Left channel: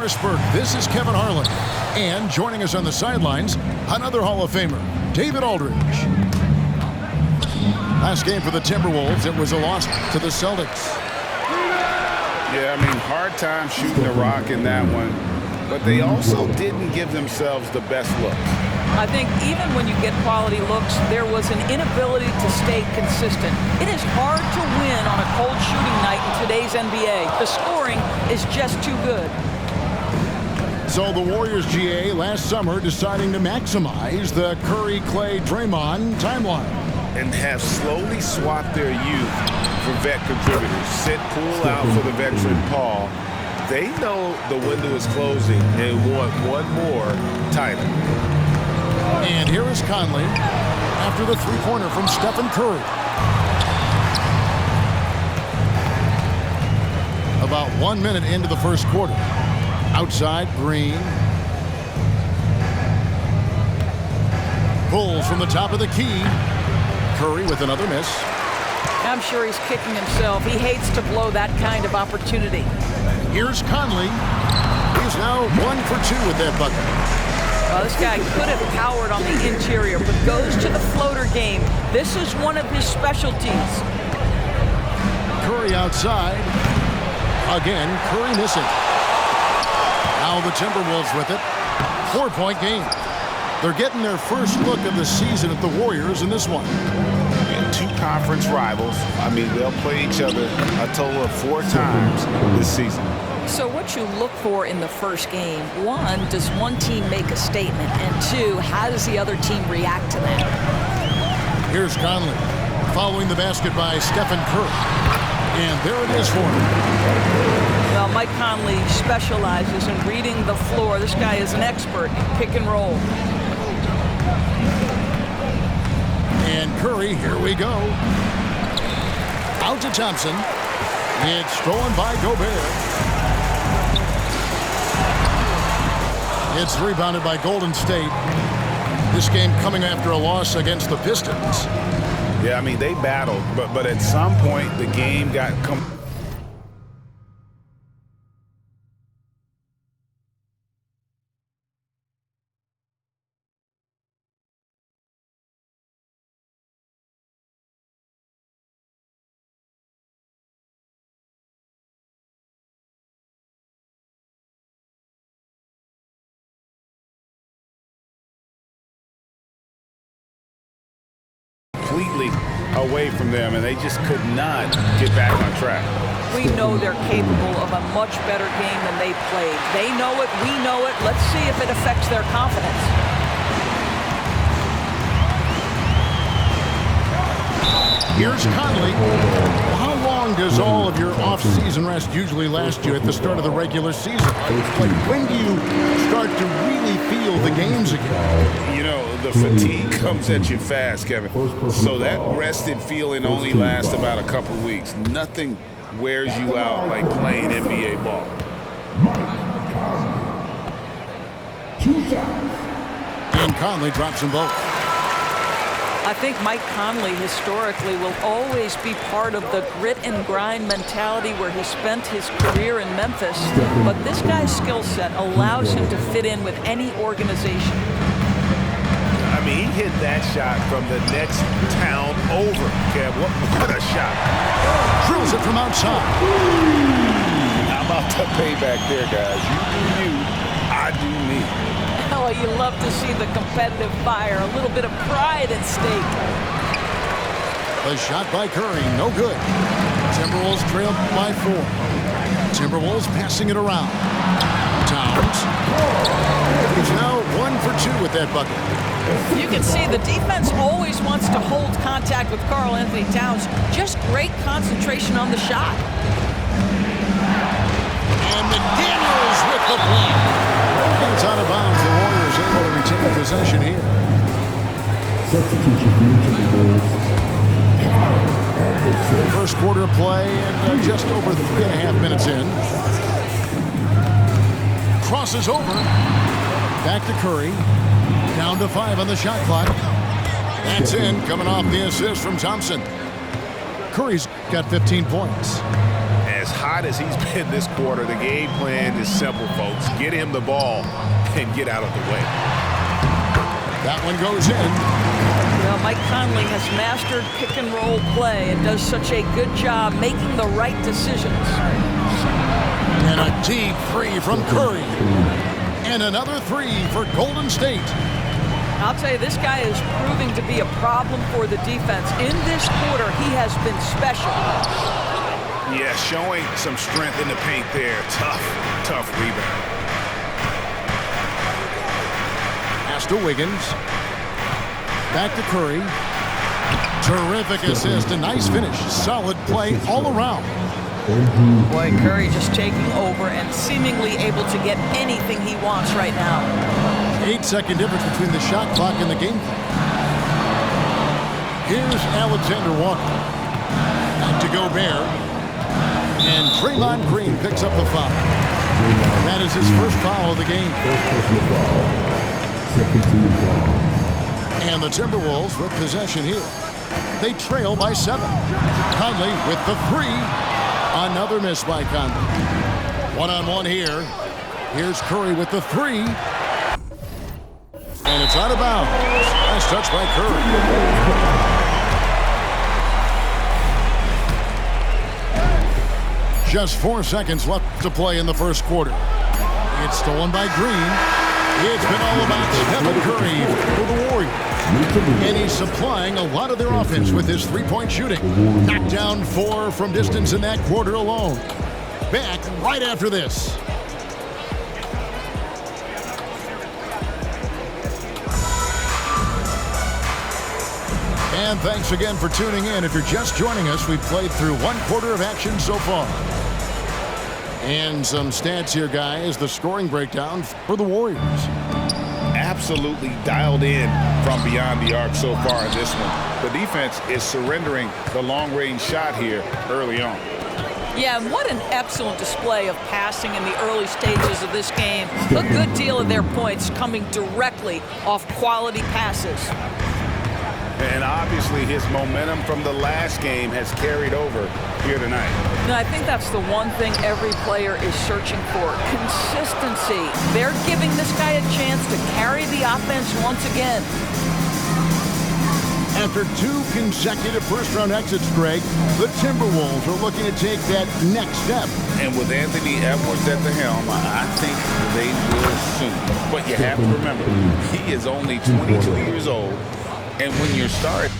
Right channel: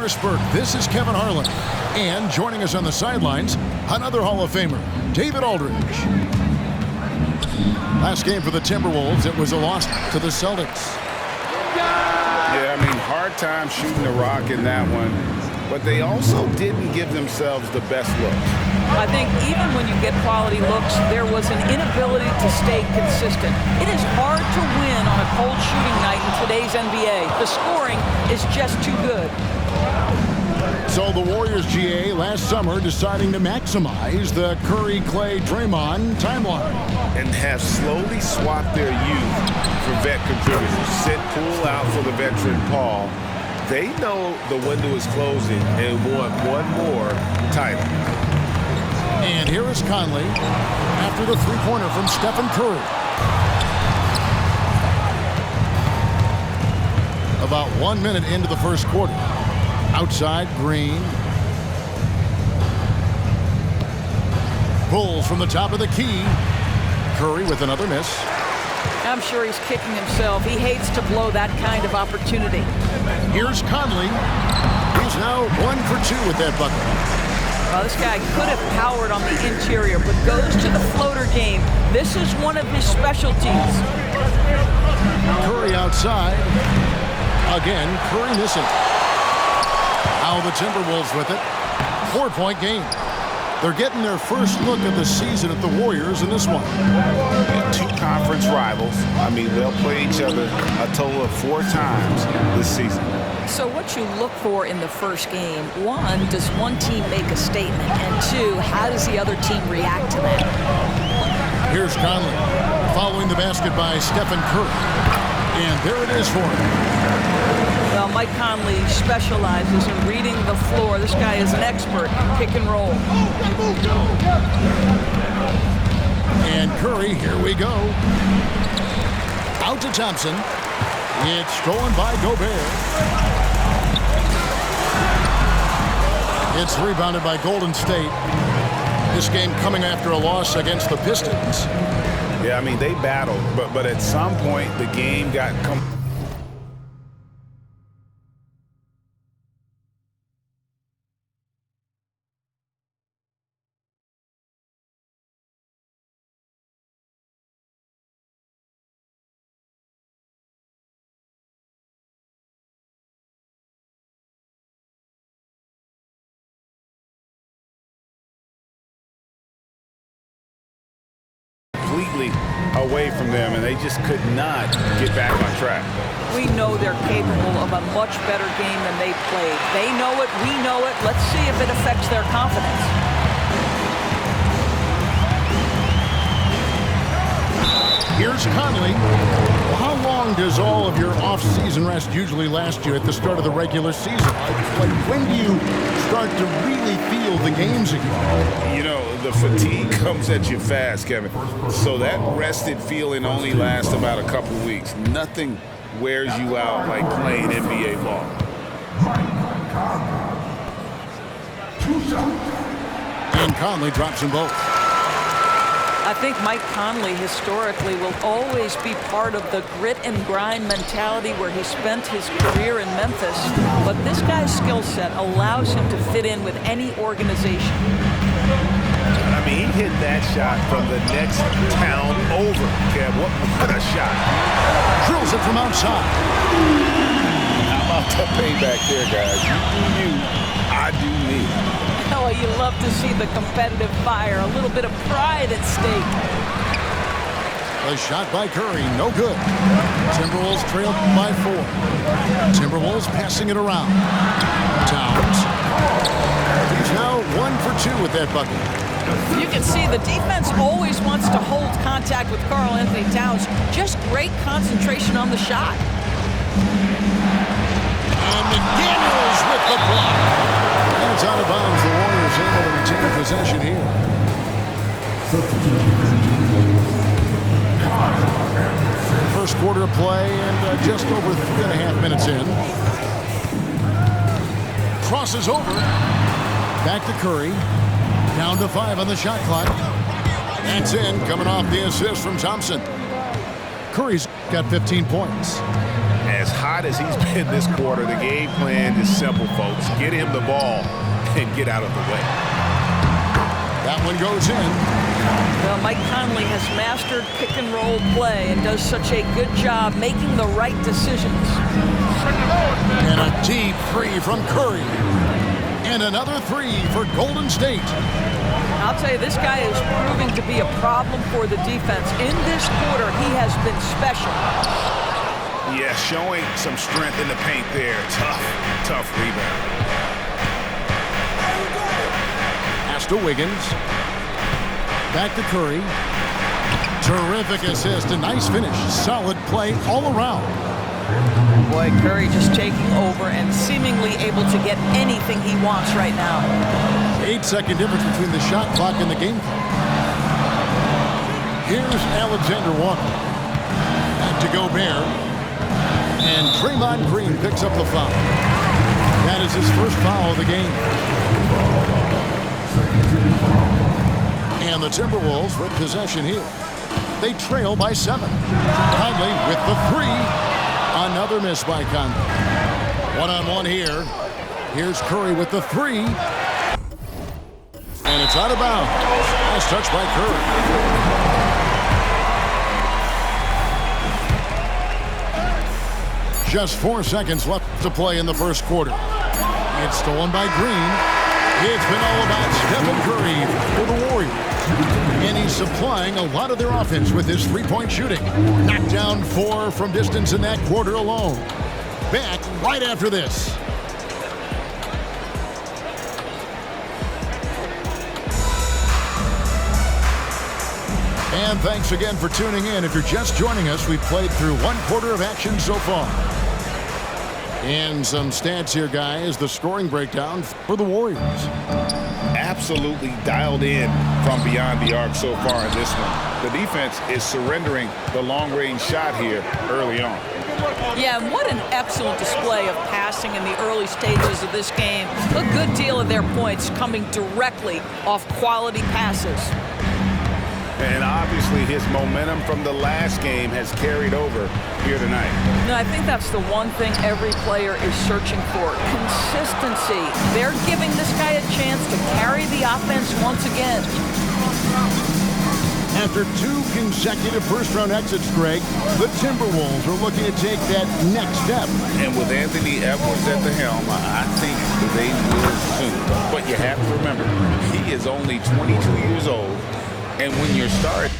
Harrisburg, this is Kevin Harlan. And joining us on the sidelines, another Hall of Famer, David Aldridge. Last game for the Timberwolves, it was a loss to the Celtics. Yeah, I mean, hard time shooting the rock in that one. But they also didn't give themselves the best look. I think even when you get quality looks, there was an inability to stay consistent. It is hard to win on a cold shooting night in today's NBA. The scoring is just too good. So the Warriors GA last summer deciding to maximize the Curry, Clay, Draymond timeline. And have slowly swapped their youth for vet contributors. Sit Poole out for the veteran Paul. They know the window is closing and want one more title. And here is Conley after the three-pointer from Stephen Curry. About 1 minute into the first quarter. Outside, Green. Pulls from the top of the key. Curry with another miss. I'm sure he's kicking himself. He hates to blow that kind of opportunity. Here's Conley. He's now 1 for 2 with that bucket. Well, this guy could have powered on the interior, but goes to the floater game. This is one of his specialties. Curry outside. Again, Curry missing. Now the Timberwolves with it. 4-point game. They're getting their first look of the season at the Warriors in this one. And two conference rivals. I mean, they'll play each other a total of 4 times this season. So what you look for in the first game, one, does one team make a statement? And two, how does the other team react to that? Here's Conley following the basket by Stephen Curry. And there it is for him. Well, Mike Conley specializes in reading the floor. This guy is an expert in pick and roll. And Curry, here we go. Out to Thompson. It's stolen by Gobert. It's rebounded by Golden State. This game coming after a loss against the Pistons. Yeah, I mean, they battled, but at some point the game got completely away from them, and they just could not get back on track. We know they're capable of a much better game than they played. They know it, we know it. Let's see if it affects their confidence. Here's Conley. Well, how long does all of your off-season rest usually last you at the start of the regular season? Like, when do you start to really feel the games again? You know, the fatigue comes at you fast, Kevin. So that rested feeling only lasts about a couple weeks. Nothing wears you out like playing NBA ball. And Conley drops them both. I think Mike Conley historically will always be part of the grit and grind mentality where he spent his career in Memphis. But this guy's skill set allows him to fit in with any organization. I mean, he hit that shot from the next town over, Kev. What a shot. Drills it from outside. How about the payback there, guys? You do you, I do me. Oh, you love to see the competitive fire, a little bit of pride at stake. The shot by Curry, no good. Timberwolves trail by 4. Timberwolves passing it around. Towns. He's now 1 for 2 with that bucket. You can see the defense always wants to hold contact with Karl Anthony Towns. Just great concentration on the shot. And McDaniels with the block. And it's out of bounds. The Warriors able to retain possession here. First quarter of play and just over 3.5 minutes in. Crosses over. Back to Curry. Down to 5 on the shot clock. That's in, coming off the assist from Thompson. Curry's got 15 points. as hot as he's been this quarter, the game plan is simple, folks. Get him the ball and get out of the way. That one goes in. Well, Mike Conley has mastered pick and roll play and does such a good job making the right decisions. And a deep three from Curry. And another three for Golden State. I'll tell you, this guy is proving to be a problem for the defense. In this quarter, he has been special. Yeah, showing some strength in the paint there. Tough rebound. Pass to Wiggins. Back to Curry. Terrific assist, a nice finish. Solid play all around. Boy, Curry just taking over and seemingly able to get anything he wants right now. 8-second difference between the shot clock and the game clock. Here's Alexander Walker. Back to Gobert. And Draymond Green picks up the foul. That is his first foul of the game. And the Timberwolves with possession here. They trail by 7. Conley with the 3. Another miss by Conley. One-on-one here. Here's Curry with the 3. And it's out of bounds. Nice touch by Curry. Just 4 seconds left to play in the first quarter. It's stolen by Green. It's been all about Stephen Curry for the Warriors. And he's supplying a lot of their offense with his three-point shooting. Knocked down 4 from distance in that quarter alone. Back right after this. And thanks again for tuning in. If you're just joining us, we've played through 1 quarter of action so far. And some stats here, guys. The scoring breakdown for the Warriors. Absolutely dialed in from beyond the arc so far in this one. The defense is surrendering the long-range shot here early on. Yeah, and what an excellent display of passing in the early stages of this game. A good deal of their points coming directly off quality passes. And obviously his momentum from the last game has carried over here tonight. No, I think that's the one thing every player is searching for. Consistency. They're giving this guy a chance to carry the offense once again. After 2 consecutive first-round exits, Greg, the Timberwolves are looking to take that next step. And with Anthony Edwards at the helm, I think they will soon. But you have to remember, he is only 22 years old. And when you're starting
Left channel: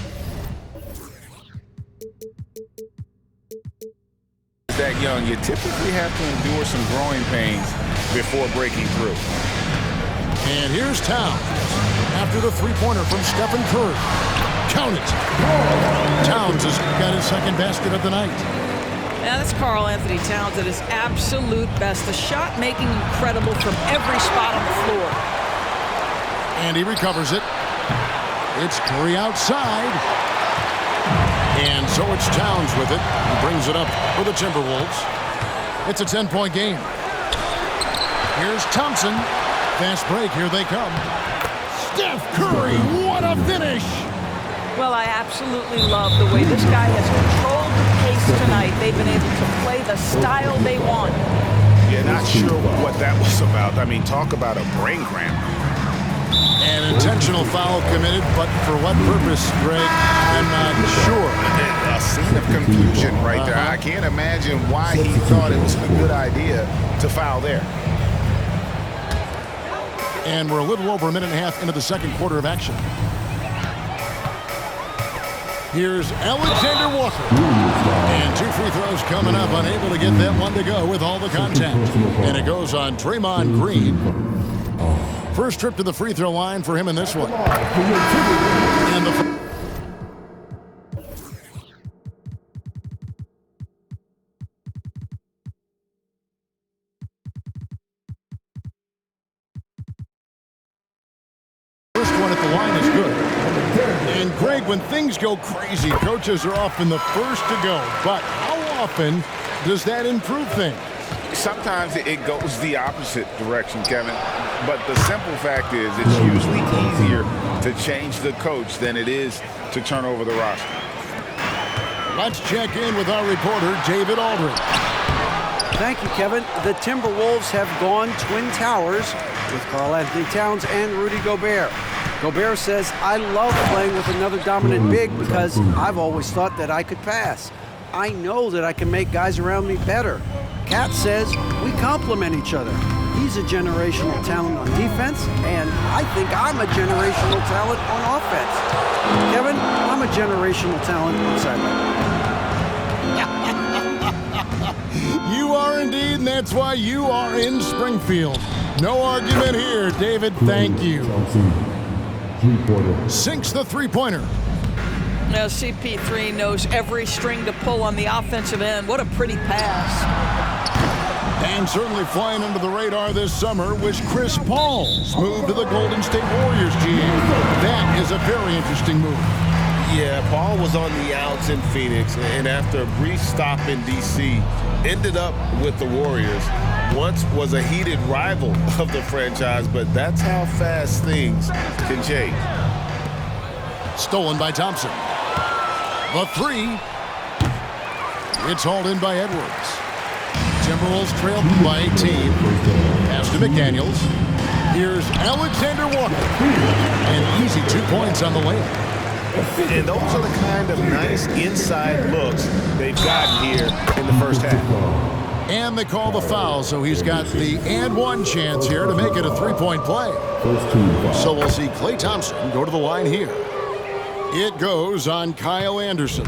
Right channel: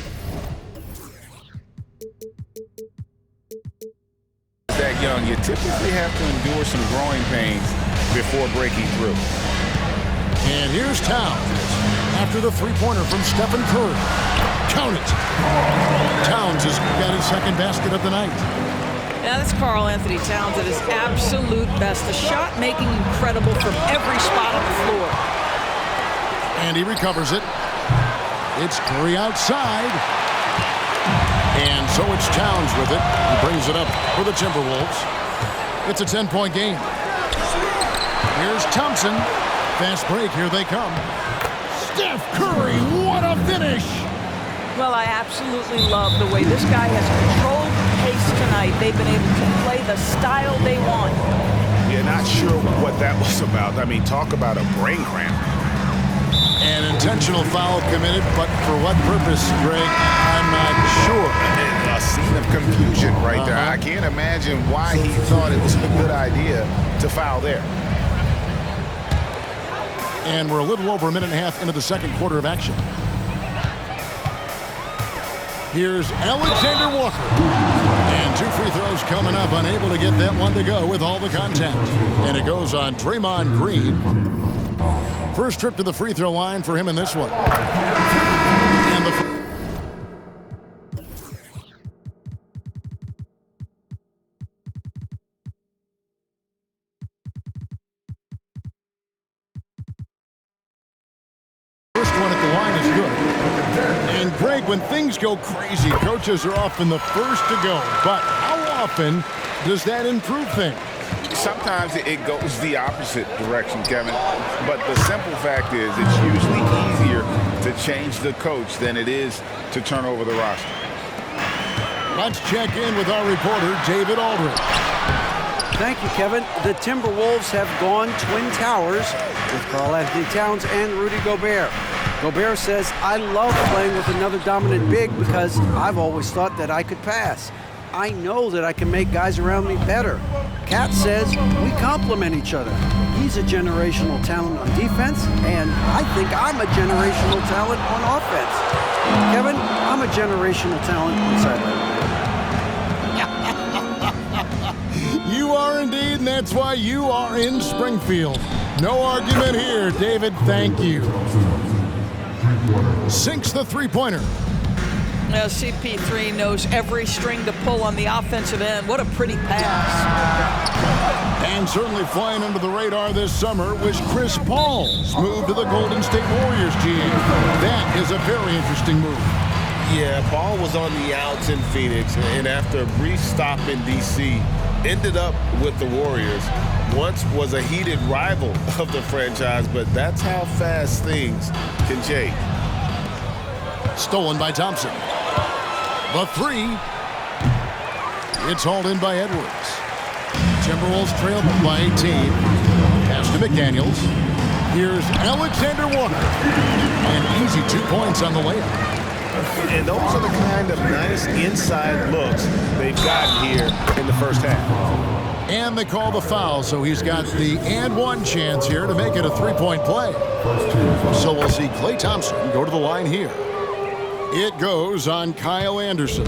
that young, you typically have to endure some growing pains before breaking through. And here's Towns after the three-pointer from Stephen Curry. Count it. Towns has got his second basket of the night. Yeah, that's Karl Anthony Towns at his absolute best. The shot making incredible from every spot on the floor. And he recovers it. It's Curry outside. And so it's Towns with it. He brings it up for the Timberwolves. It's a 10-point game. Here's Thompson. Fast break. Here they come. Steph Curry, what a finish! Well, I absolutely love the way this guy has controlled the pace tonight. They've been able to play the style they want. Yeah, not sure what that was about. I mean, talk about a brain cramp. An intentional foul committed, but for what purpose, Greg? I'm not sure. A scene of confusion right there. I can't imagine why he thought it was a good idea to foul there. And we're a little over a minute and a half into the second quarter of action. Here's Alexander Walker. And 2 free throws coming up, unable to get that one to go with all the contact. And it goes on Draymond Green. First trip to the free throw line for him in this one. And the first one at the line is good. And Greg, when things go crazy, coaches are often the first to go. But how often does that improve things? Sometimes it goes the opposite direction, Kevin. But the simple fact is it's usually easier to change the coach than it is to turn over the roster. Let's check in with our reporter, David Aldridge. Thank you, Kevin. The Timberwolves have gone Twin Towers with Karl-Anthony Towns and Rudy Gobert. Gobert says, I love playing with another dominant big because I've always thought that I could pass. I know that I can make guys around me better. Cat says, we complement each other. He's a generational talent on defense, and I think I'm a generational talent on offense. Kevin, I'm a generational talent on sideline. You are indeed, and that's why you are in Springfield. No argument here, David. Thank you. Sinks the three-pointer. Now, CP3 knows every string to pull on the offensive end. What a pretty pass. And certainly flying under the radar this summer was Chris Paul's move to the Golden State Warriors, GA. That is a very interesting move. Yeah, Paul was on the outs in Phoenix, and after a brief stop in D.C., ended up with the Warriors. Once was a heated rival of the franchise, but that's how fast things can change. Stolen by Thompson. The three. It's hauled in by Edwards. Timberwolves trail by 18. Pass to McDaniels. Here's Alexander Walker. An easy 2 points on the layup. And those are the kind of nice inside looks they've gotten here in the first half. And they call the foul, so he's got the and one chance here to make it a three-point play. So we'll see Klay Thompson go to the line here. It goes on Kyle Anderson.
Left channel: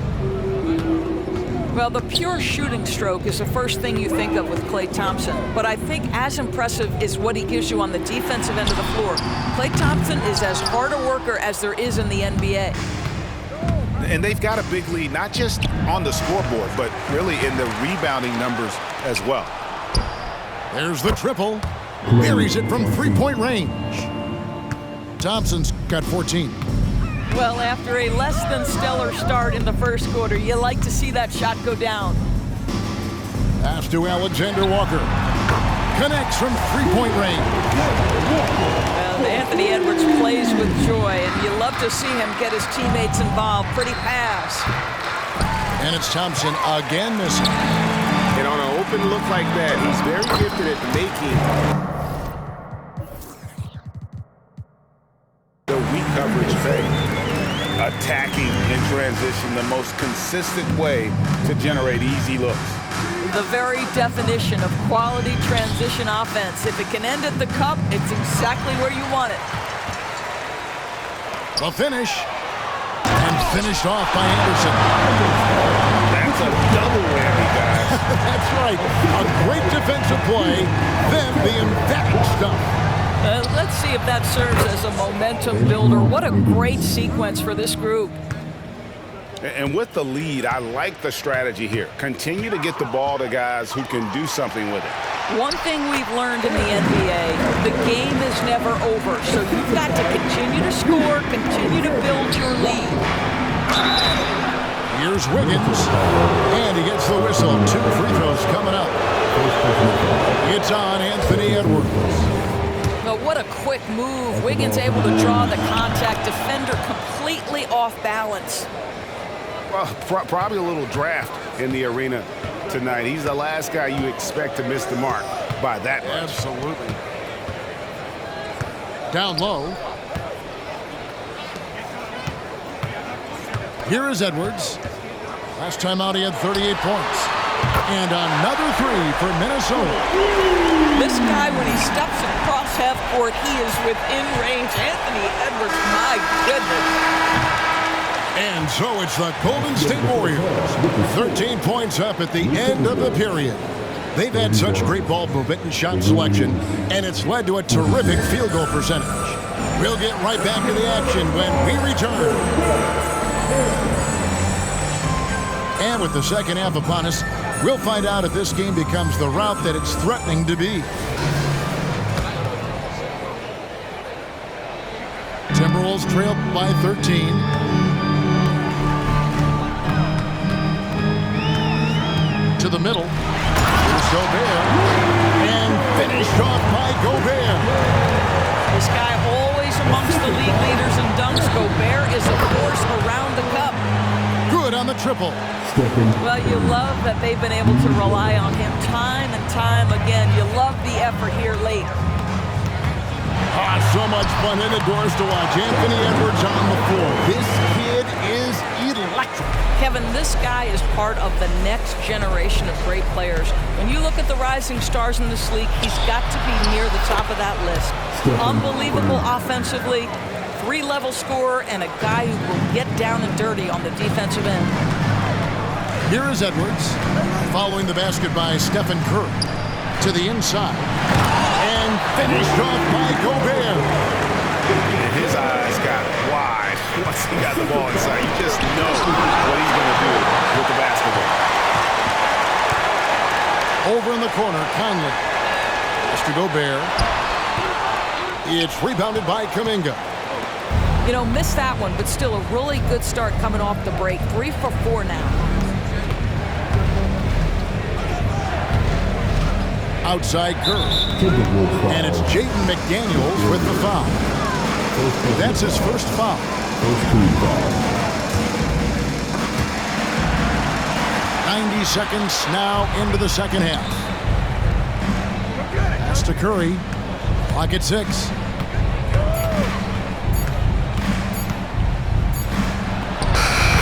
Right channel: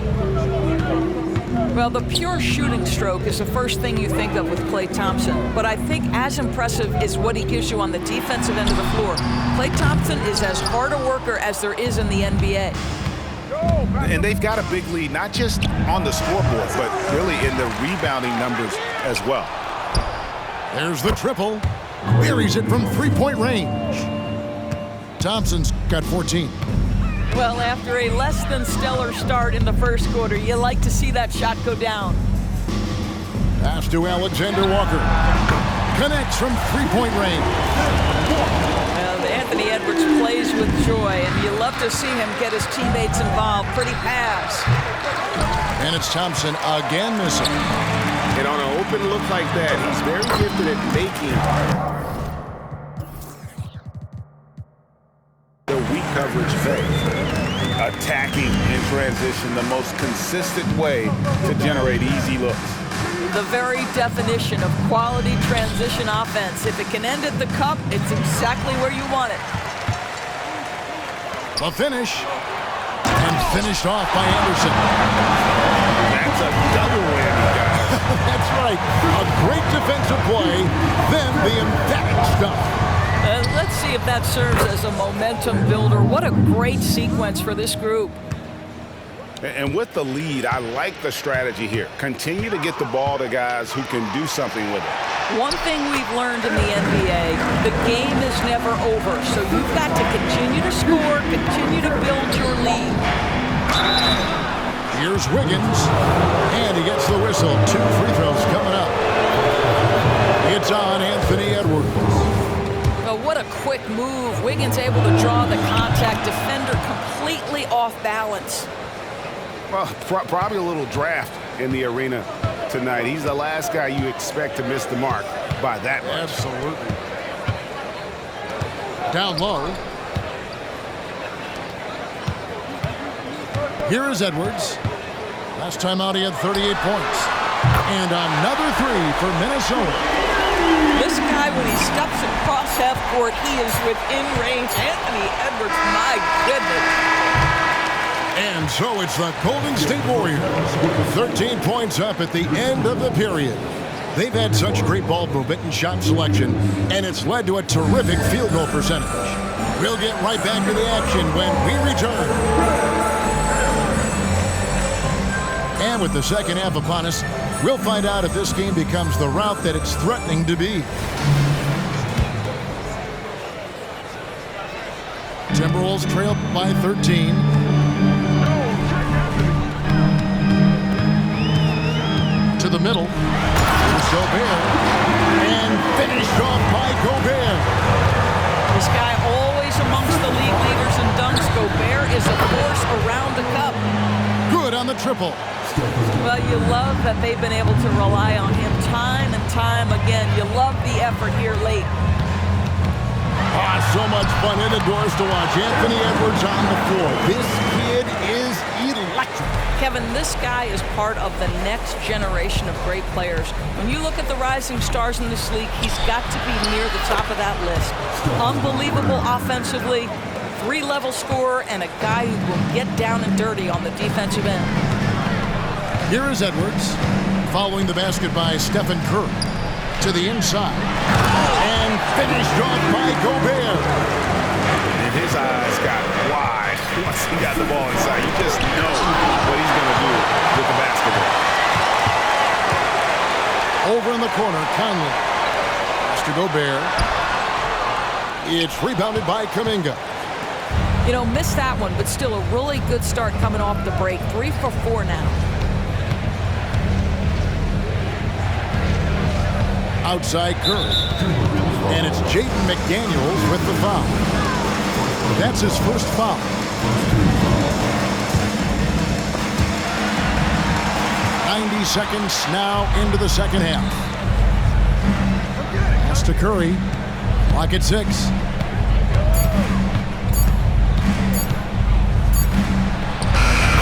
Well, the pure shooting stroke is the first thing you think of with Klay Thompson. But I think as impressive is what he gives you on the defensive end of the floor. Klay Thompson is as hard a worker as there is in the NBA. And they've got a big lead, not just on the scoreboard, but really in the rebounding numbers as well. There's the triple. Buries it from three-point range. Thompson's got 14. Well, after a less than stellar start in the first quarter, you like to see that shot go down. Pass to Alexander Walker. Connects from three-point range. And Anthony Edwards plays with joy, and you love to see him get his teammates involved. Pretty pass. And it's Thompson again missing. And on an open look like that, he's very gifted at making the weak coverage fade. Attacking in transition, the most consistent way to generate easy looks. The very definition of quality transition offense. If it can end at the cup, it's exactly where you want it. The finish. And finished off by Anderson. That's a double whammy, guys. That's right. A great defensive play, then the emphatic stuff. Let's see if that serves as a momentum builder. What a great sequence for this group. And with the lead, I like the strategy here. Continue to get the ball to guys who can do something with it. One thing we've learned in the NBA, the game is never over. So you've got to continue to score, continue to build your lead. Here's Wiggins, and he gets the whistle. 2 free throws coming up. It's on Anthony Edwards. Well, what a quick move. Wiggins able to draw the contact. Defender completely off balance. Well, probably a little draft in the arena tonight. He's the last guy you expect to miss the mark by that much. Absolutely. Down low. Here is Edwards. Last time out, he had 38 points. And another three for Minnesota. This guy, when he steps across half court, he is within range. Anthony Edwards, my goodness. And so it's the Golden State Warriors, 13 points up at the end of the period. They've had such great ball movement and shot selection, and it's led to a terrific field goal percentage. We'll get right back to the action when we return. And with the second half upon us, we'll find out if this game becomes the route that it's threatening to be. Timberwolves trail by 13. To the middle. Here's Gobert. And finished off by Gobert. This guy always amongst the league leaders in dunks. Gobert is a force around the cup. Good on the triple. Well, you love that they've been able to rely on him time and time again. You love the effort here late. So much fun indoors to watch. Anthony Edwards on the floor. This kid is electric. Kevin, this guy is part of the next generation of great players. When you look at the rising stars in this league, he's got to be near the top of that list. Unbelievable offensively, three-level scorer, and a guy who will get down and dirty on the defensive end. Here is Edwards, following the basket by Stephen Curry. To the inside, and finished off by Gobert. And his eyes got wide once he got the ball inside. You just know what he's going to do with the basketball. Over in the corner, Conley. Pass to Gobert. It's rebounded by Kuminga. You know, missed that one, but still a really good start coming off the break. 3 for 4 now. Outside Curry. And it's Jaden McDaniels with the foul. That's his first foul. 90 seconds now into the second half. Pass to Curry. Clock at 6.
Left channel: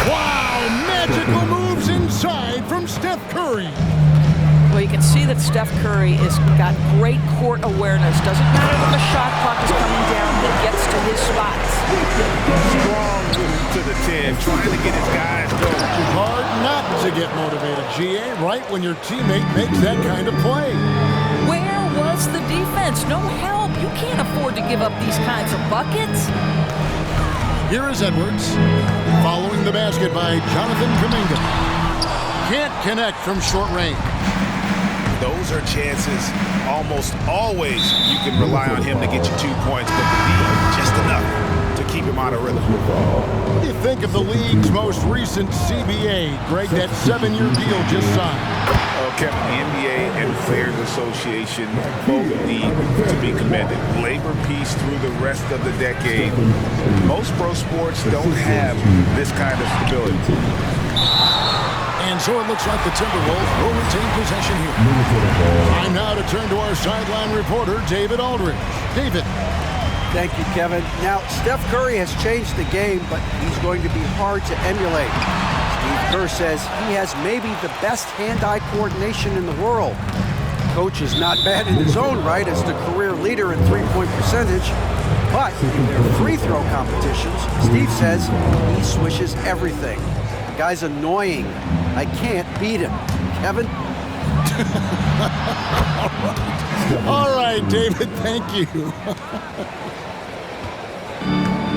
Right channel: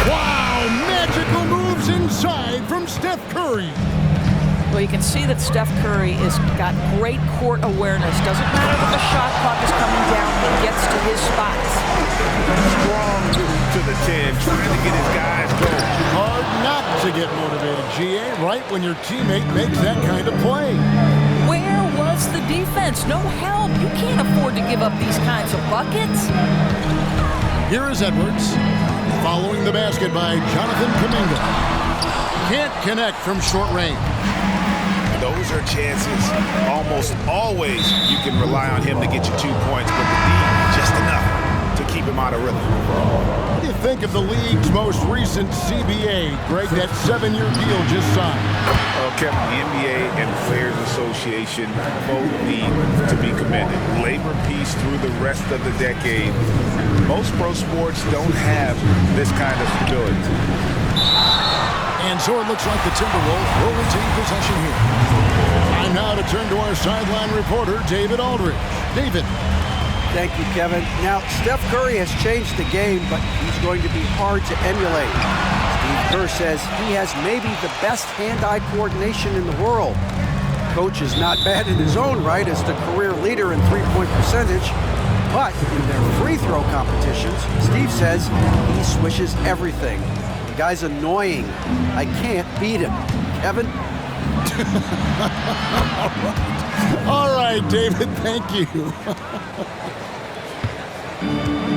Wow! Magical moves inside from Steph Curry. Well, you can see that Steph Curry has got great court awareness. Doesn't matter that the shot clock is coming down, he gets to his spots. Strong move to the 10, trying to get his guys going. Hard not to get motivated, GA, right when your teammate makes that kind of play. Where was the defense? No help. You can't afford to give up these kinds of buckets. Here is Edwards, following the basket by Jonathan Kuminga. Can't connect from short range. Those are chances almost always you can rely on him to get you 2 points, but the D, just enough to keep him out of rhythm. What do you think of the league's most recent CBA, Greg, that 7-year deal just signed? Oh, Kevin, the NBA and Players Association both need to be commended. Labor peace through the rest of the decade. Most pro sports don't have this kind of stability. And so it looks like the Timberwolves will retain possession here. Time now to turn to our sideline reporter, David Aldridge. David. Thank you, Kevin. Now, Steph Curry has changed the game, but he's going to be hard to emulate. Steve Kerr says he has maybe the best hand-eye coordination in the world. Coach is not bad in his own right as the career leader in three-point percentage, but in their free throw competitions, Steve says he swishes everything. The guy's annoying. I can't beat him. Kevin? All right, David, thank you.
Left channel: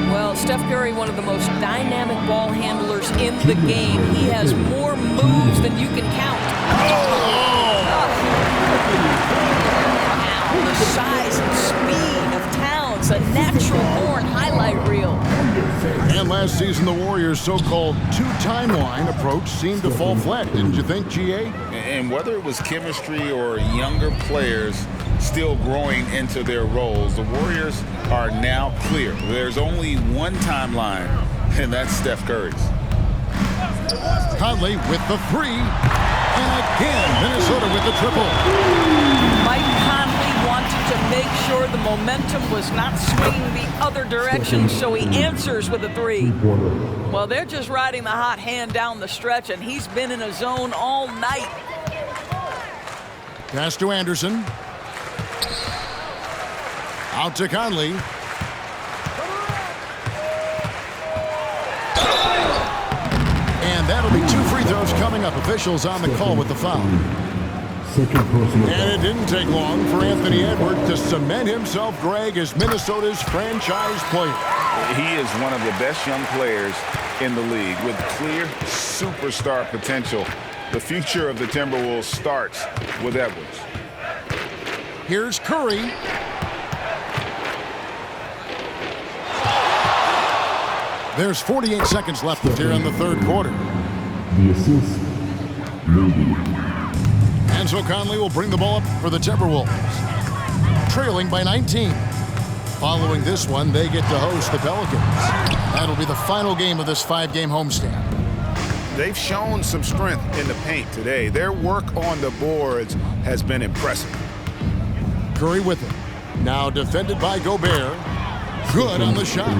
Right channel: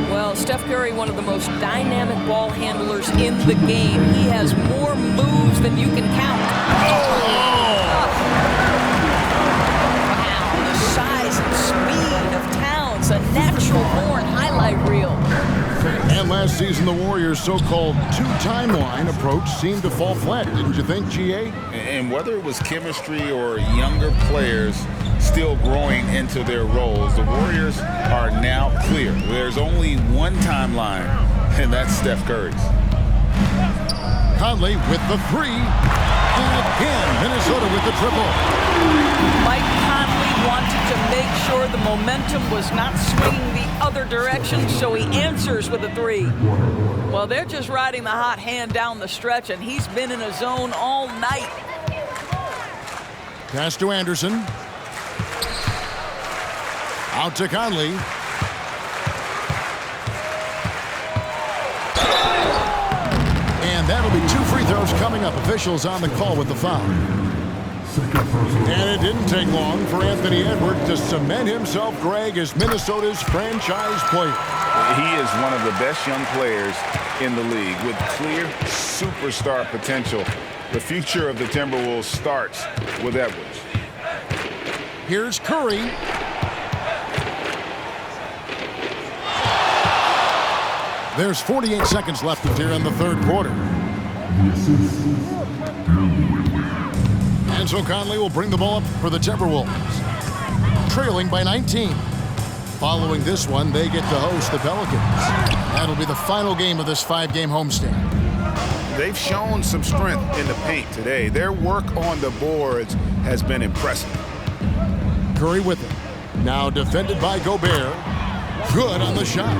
Well, Steph Curry, one of the most dynamic ball handlers in the game. He has more moves than you can count. Wow, the size and speed of Towns, a natural-born highlight reel. And last season, the Warriors' so-called two-timeline approach seemed to fall flat, didn't you think, GA? And whether it was chemistry or younger players still growing into their roles, the Warriors are now clear. There's only one timeline, and that's Steph Curry's. Conley with the 3, and again, Minnesota with the triple. Mike Conley wanted to make sure the momentum was not swinging the other direction, so he answers with a 3. Well, they're just riding the hot hand down the stretch, and he's been in a zone all night. Pass to Anderson. Out to Conley. And that'll be 2 free throws coming up. Officials on the call with the foul. And it didn't take long for Anthony Edwards to cement himself, Greg, as Minnesota's franchise player. He is one of the best young players in the league with clear superstar potential. The future of the Timberwolves starts with Edwards. Here's Curry. There's 48 seconds left here in the third quarter. The assist, maybe. And so Conley will bring the ball up for the Timberwolves, trailing by 19. Following this one, they get to host the Pelicans. That'll be the final game of this 5-game homestand. they've shown some strength in the paint today. Their work on the boards has been impressive. Curry with it. Now defended by Gobert. Good on the shot.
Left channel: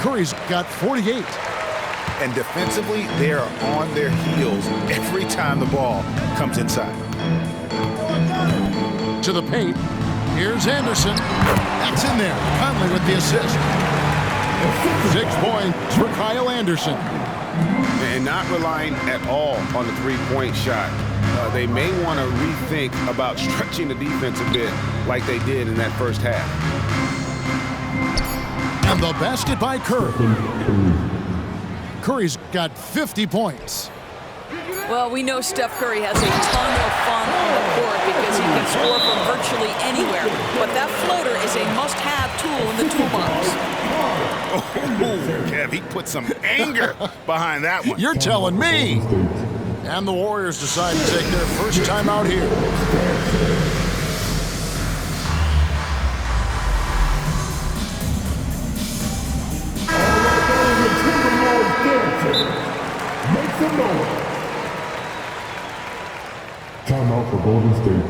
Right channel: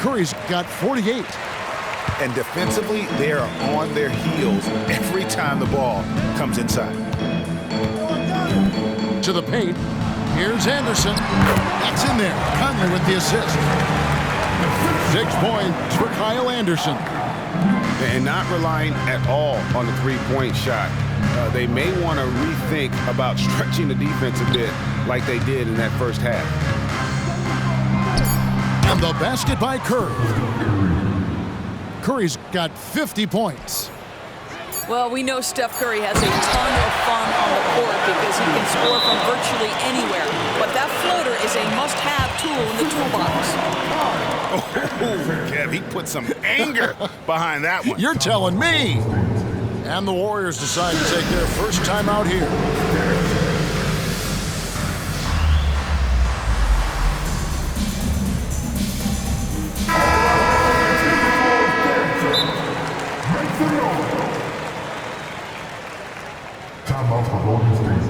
Curry's got 48. And defensively, they are on their heels every time the ball comes inside. To the paint. Here's Anderson. That's in there. Conley with the assist. 6 points for Kyle Anderson. And not relying at all on the three-point shot. They may want to rethink about stretching the defense a bit like they did in that first half. And the basket by Curry. Curry's got 50 points. Well, we know Steph Curry has a ton of fun on the court because he can score from virtually anywhere. But that floater is a must-have tool in the toolbox. Oh, Kev, he put some anger behind that one. You're telling me. And the Warriors decide to take their first time out here. Timeout for Golden State.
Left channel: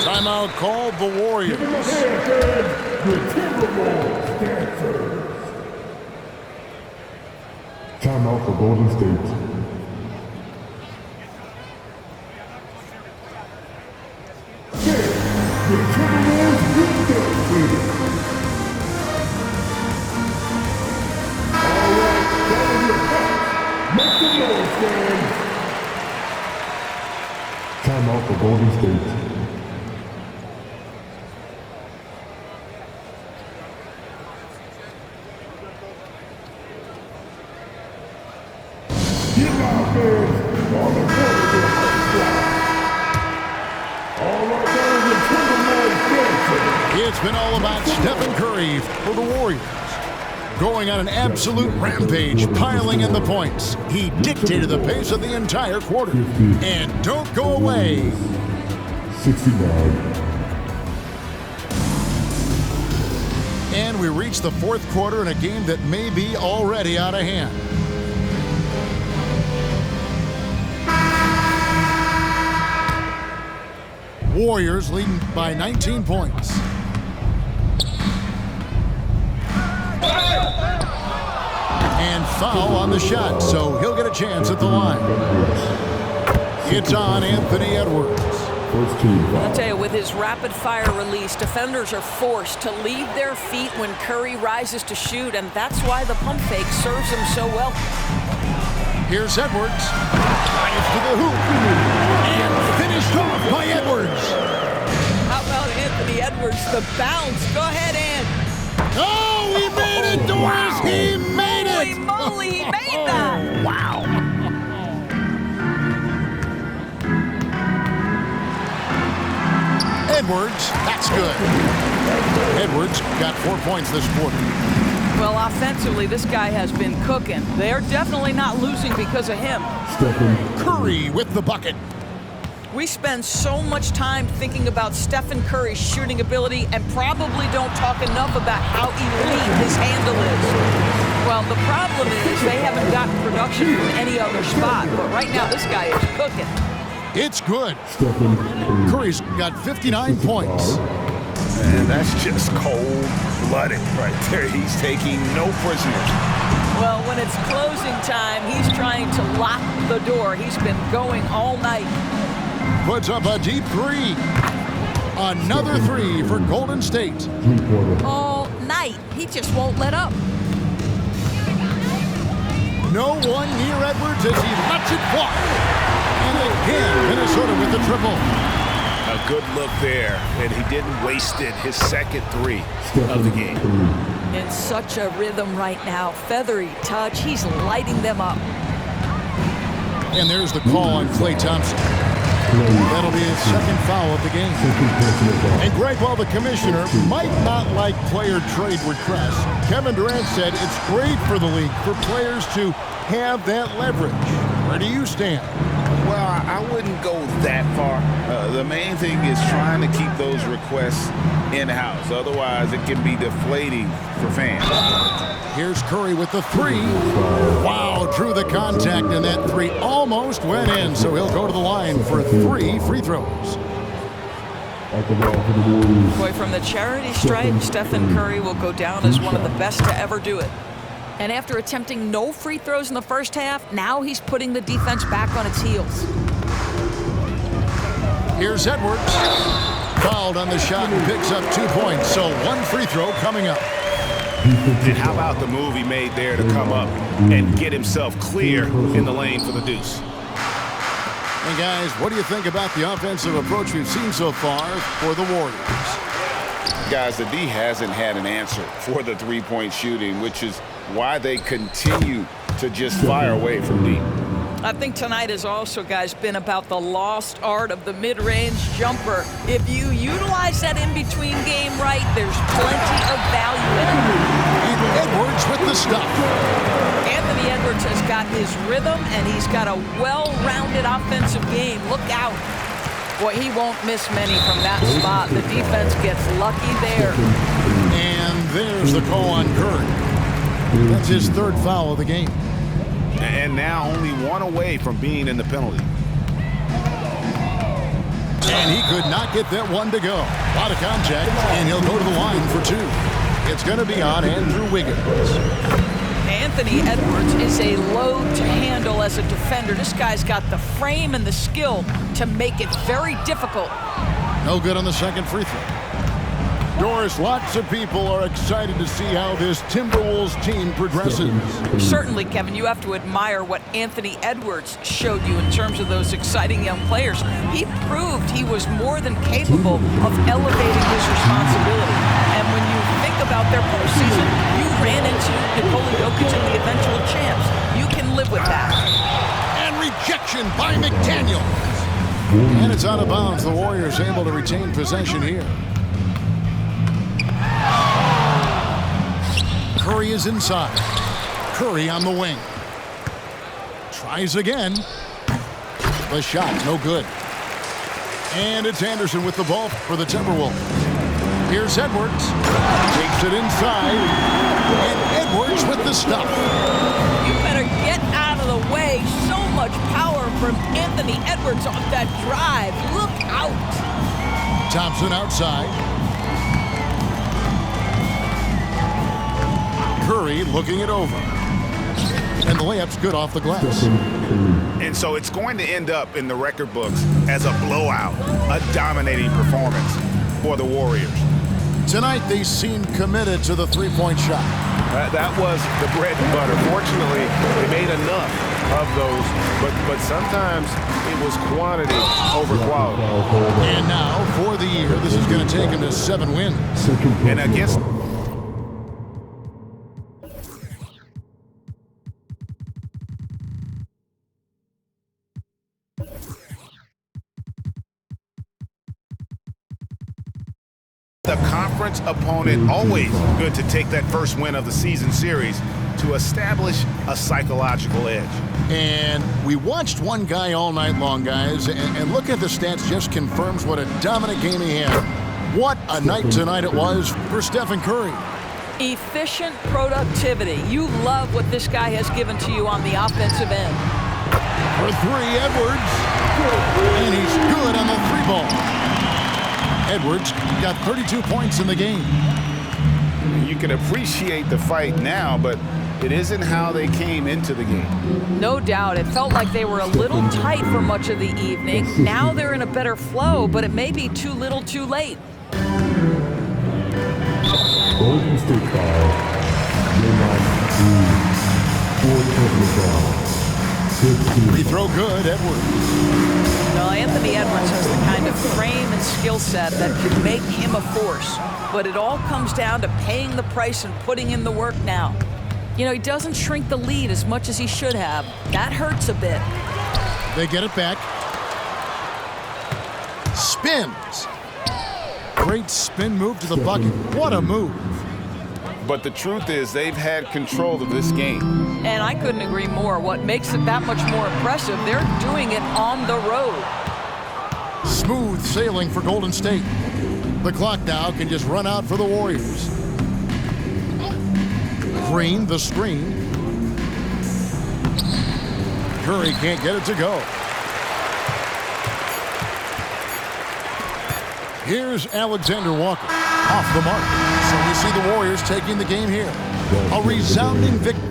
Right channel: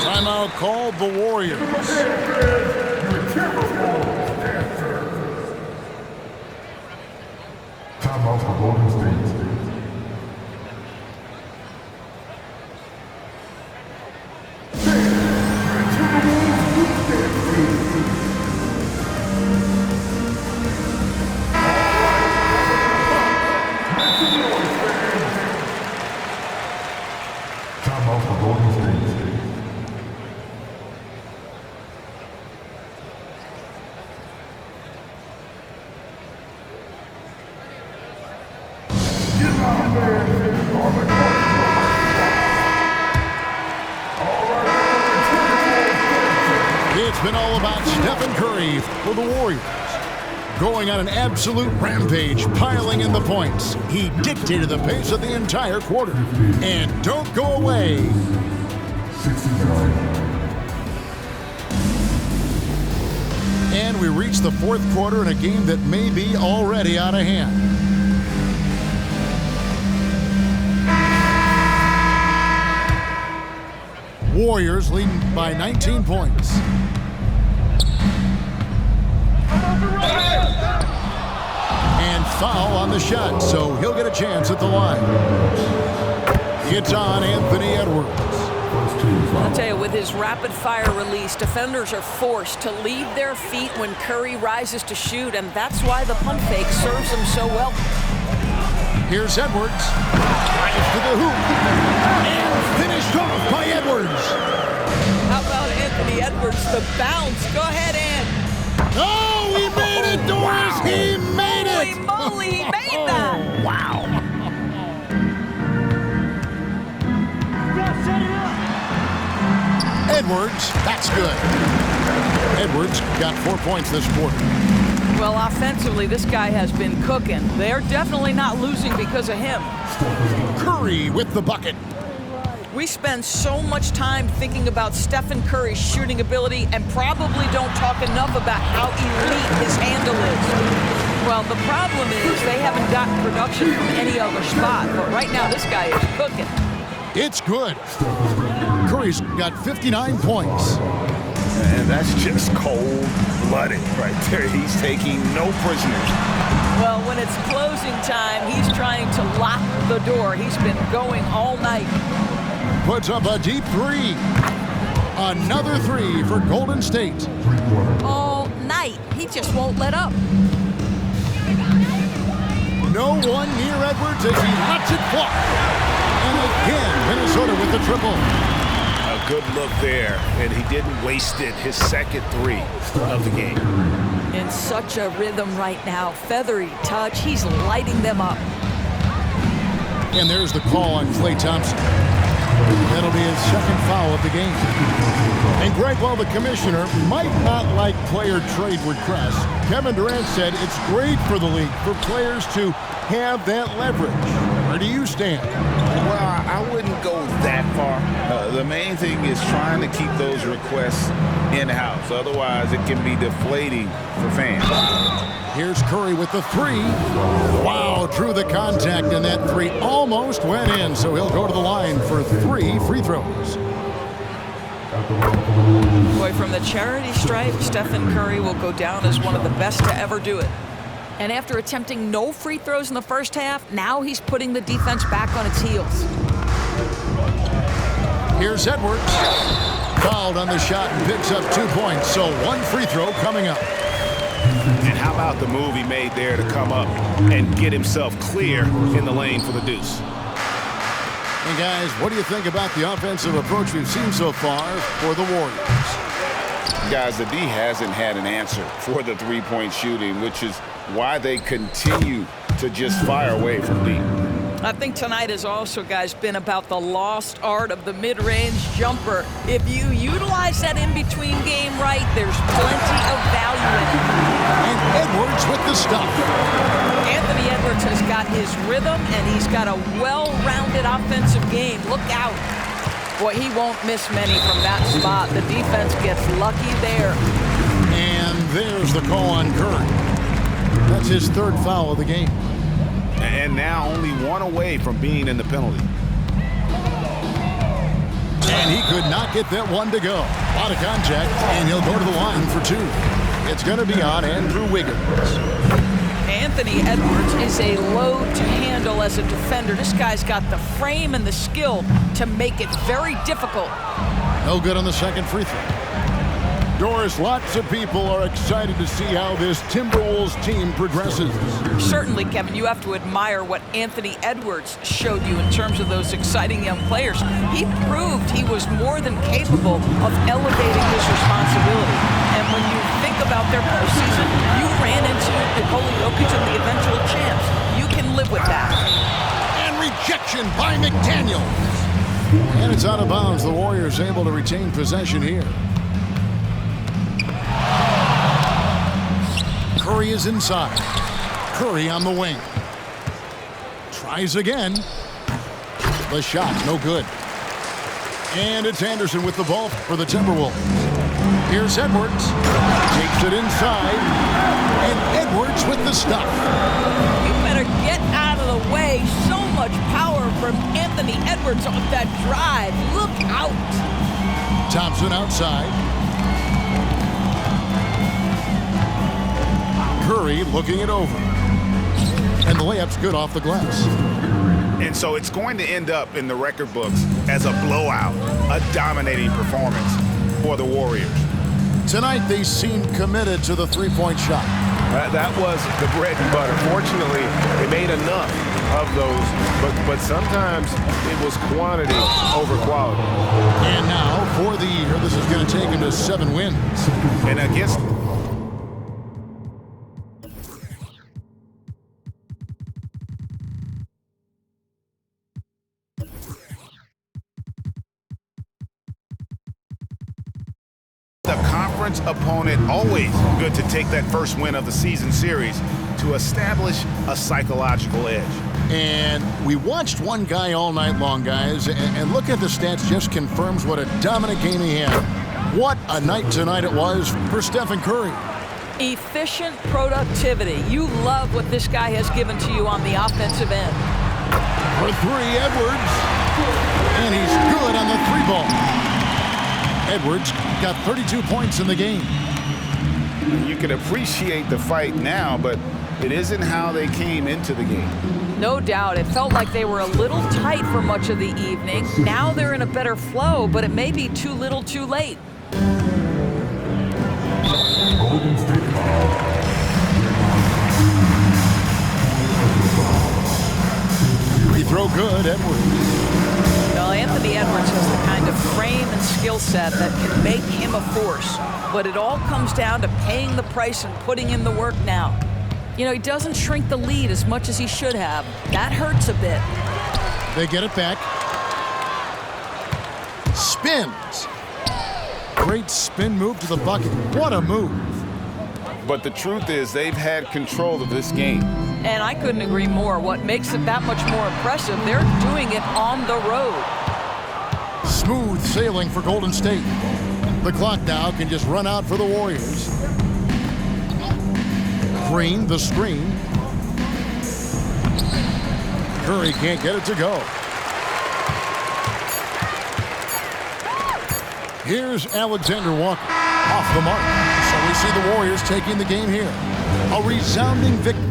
Timeout called the Warriors. Timeout for Golden State. Timeout for Golden State. It's been all about Stephen Curry for the Warriors. Going on an absolute rampage, piling in the points. He dictated the pace of the entire quarter. And don't go away. 69. And we reach the fourth quarter in a game that may be already out of hand. Warriors leading by 19 points. And foul on the shot, so he'll get a chance at the line. It's on Anthony Edwards. First team foul. I'll tell you, with his rapid-fire release, defenders are forced to leave their feet when Curry rises to shoot, and that's why the pump fake serves him so well. Here's Edwards. Drives to the hoop. And finished off by Edwards. How about Anthony Edwards, the bounce? Go ahead, Ant. Oh, he made it, Doris! He made it! Holy moly, he made that! Wow. Edwards, that's good. Edwards got 4 points this quarter. Well, offensively, this guy has been cooking. They're definitely not losing because of him. Curry with the bucket. We spend so much time thinking about Stephen Curry's shooting ability and probably don't talk enough about how elite his handle is. Well, the problem is they haven't gotten production from any other spot, but right now this guy is cooking. It's good. Curry's got 59 points. And that's just cold-blooded right there. He's taking no prisoners. Well, when it's closing time, he's trying to lock the door. He's been going all night. Puts up a deep three. Another three for Golden State. All night. He just won't let up. No one near Edwards as he lets it fly. And again, Minnesota with the triple. A good look there, and he didn't waste it. His second three of the game. In such a rhythm right now. Feathery touch. He's lighting them up. And there's the call on Klay Thompson. That'll be his second foul of the game. And Greg, while the commissioner might not like player trade requests, Kevin Durant said it's great for the league for players to have that leverage. Where do you stand? Well, I wouldn't go that far. The main thing is trying to keep those requests in-house. Otherwise, it can be deflating for fans. Here's Curry with the three. Wow, drew the contact, and that three almost went in, so he'll go to the line for 3 free throws. At the line for the Warriors. Boy, from the charity stripe, Stephen Curry will go down as one of the best to ever do it. And after attempting no free throws in the first half, now he's putting the defense back on its heels. Here's Edwards. Fouled on the shot and picks up 2 points, so 1 free throw coming up. And how about the move he made there to come up and get himself clear in the lane for the deuce? And guys, what do you think about the offensive approach we've seen so far for the Warriors? Guys, the D hasn't had an answer for the three-point shooting, which is why they continue to just fire away from deep. I think tonight has also, guys, been about the lost art of the mid-range jumper. If you utilize that in-between game right, there's plenty of value in it. And Edwards with the stuff. Anthony Edwards has got his rhythm, and he's got a well-rounded offensive game. Look out. Boy, he won't miss many from that spot. The defense gets lucky there. And there's the call on Curry. That's his 3rd foul of the game. And now only 1 away from being in the penalty. And he could not get that one to go. A lot of contact, and he'll go to the line for 2. It's going to be on Andrew Wiggins. Anthony Edwards is a load to handle as a defender. This guy's got the frame and the skill to make it very difficult. No good on the 2nd free throw. Doris, lots of people are excited to see how this Timberwolves team progresses. Certainly, Kevin, you have to admire what Anthony Edwards showed you in terms of those exciting young players. He proved he was more than capable of elevating his responsibility. And when you think about their postseason, you ran into Nikola Jokic and the eventual champs. You can live with that. And rejection by McDaniels. And it's out of bounds. The Warriors able to retain possession here. Curry is inside. Curry on the wing. Tries again. The shot, no good. And it's Anderson with the ball for the Timberwolves. Here's Edwards. Takes it inside. And Edwards with the stuff. You better get out of the way. So much power from Anthony Edwards off that drive. Look out. Thompson outside. Curry looking it over. And the layup's good off the glass. And so it's going to end up in the record books as a blowout, a dominating performance for the Warriors. Tonight, they seemed committed to the three-point shot. That was the bread and butter. Fortunately, they made enough of those, but sometimes it was quantity over quality. And now, for the year, this is going to take him to 7 wins. And against the conference opponent, always good to take that first win of the season series to establish a psychological edge. And we watched one guy all night long, guys, and look at the stats, just confirms what a dominant game he had. What a night tonight it was for Stephen Curry. Efficient productivity. You love what this guy has given to you on the offensive end. For 3, Edwards. And he's good on the 3-ball. Edwards got 32 points in the game. You can appreciate the fight now, but it isn't how they came into the game. No doubt. It felt like they were a little tight for much of the evening. Now they're in a better flow, but it may be too little too late. Golden State foul. Draymond Green. 4 personal fouls. Free throw good, Edwards. Well, Anthony Edwards has the kind of frame and skill set that can make him a force. But it all comes down to paying the price and putting in the work now. You know, he doesn't shrink the lead as much as he should have. That hurts a bit. They get it back. Spins. Great spin move to the bucket. What a move. But the truth is they've had control of this game. And I couldn't agree more. What makes it that much more impressive, they're doing it on the road. Smooth sailing for Golden State. The clock now can just run out for the Warriors. Green, the screen. Curry can't get it to go. Here's Alexander Walker off the mark. So we see the Warriors taking the game here. A resounding victory.